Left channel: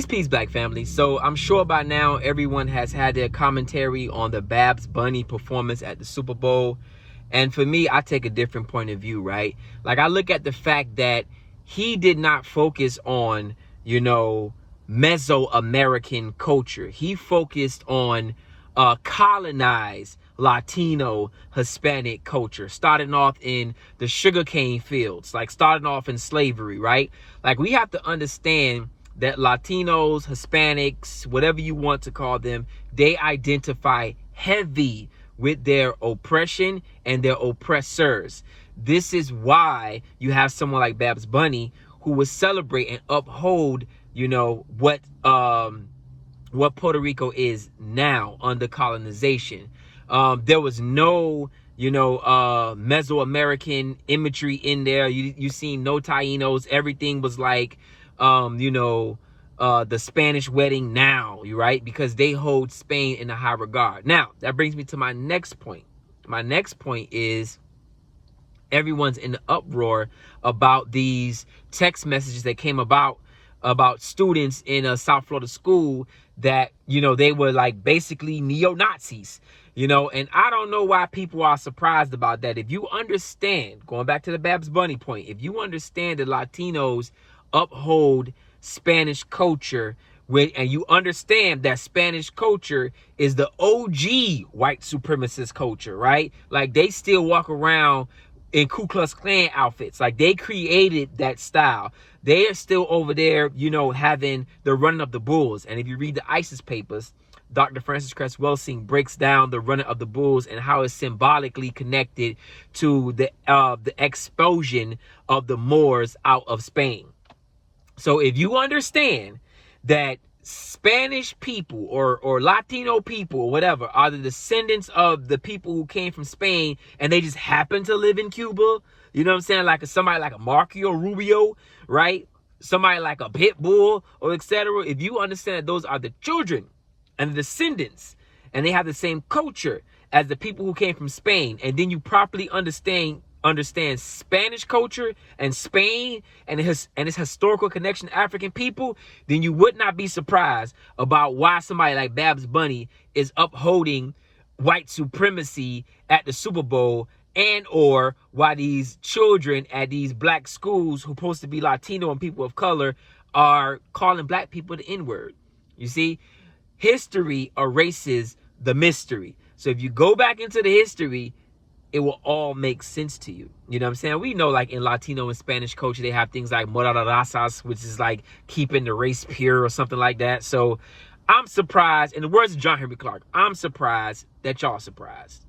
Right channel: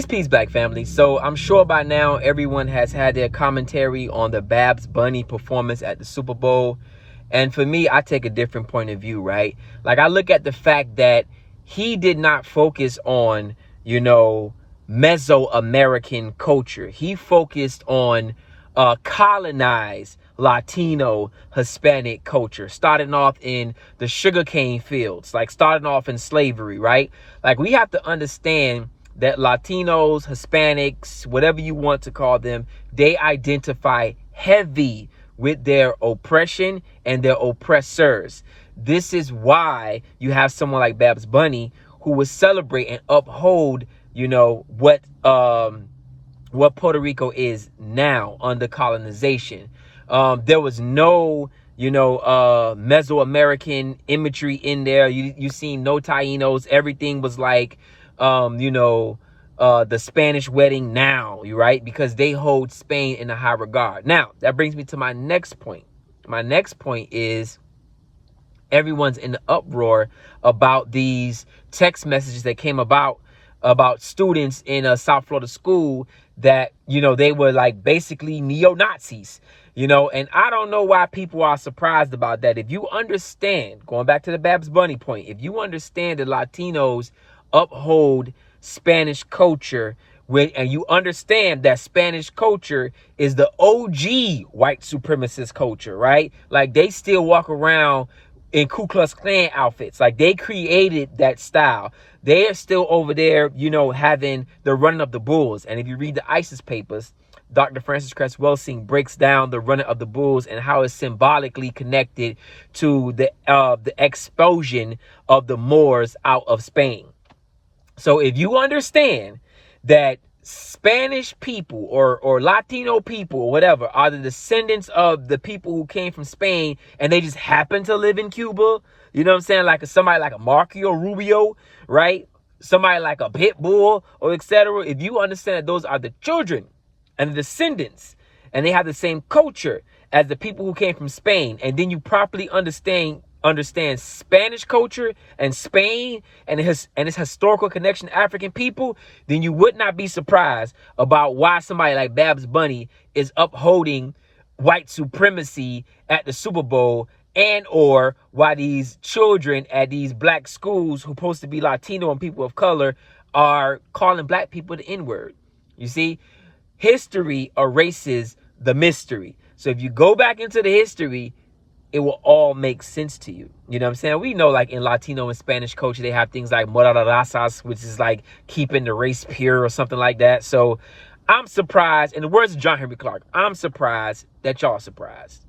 Peace, Black family. So I'm sure by now everyone has had their commentary on the Babs Bunny performance at the Super Bowl. And for me, I take a different point of view, right? Like, I look at the fact that he did not focus on, Mesoamerican culture. He focused on colonized Latino Hispanic culture, starting off in the sugarcane fields, like starting off in slavery, right? Like, we have to understand that Latinos, Hispanics, whatever you want to call them, they identify heavy with their oppression and their oppressors. This is why you have someone like Babs Bunny who will celebrate and uphold, what Puerto Rico is now under colonization. There was no, Mesoamerican imagery in there. You seen no Tainos. Everything was like, the Spanish wedding now, right? Because they hold Spain in a high regard. Now, that brings me to my next point. My next point is everyone's in the uproar about these text messages that came about students in a South Florida school that, they were like basically neo-Nazis, and I don't know why people are surprised about that. If you understand, going back to the Babs Bunny point, if you understand that Latinos uphold Spanish culture, and you understand that Spanish culture is the OG white supremacist culture, right? Like, they still walk around in Ku Klux Klan outfits. Like, they created that style. They are still over there, having the running of the bulls. And if you read the ISIS papers, Dr. Frances Cress Welsing breaks down the running of the bulls and how it's symbolically connected to the expulsion of the Moors out of Spain. So if you understand that Spanish people or Latino people or whatever are the descendants of the people who came from Spain and they just happen to live in Cuba, you know what I'm saying? Like somebody like a Marco Rubio, right? Somebody like a Pitbull or etc. If you understand that those are the children and the descendants and they have the same culture as the people who came from Spain, and then you properly understand Spanish culture and Spain and its historical connection to African people, then you would not be surprised about why somebody like Babs Bunny is upholding white supremacy at the Super Bowl, and or why these children at these black schools who are supposed to be Latino and people of color are calling black people the N-word. You see, history erases the mystery. So if you go back into the history, it will all make sense to you. You know what I'm saying? We know, like, in Latino and Spanish culture, they have things like morarazas, which is like keeping the race pure or something like that. So I'm surprised, in the words of John Henry Clarke, I'm surprised that y'all are surprised.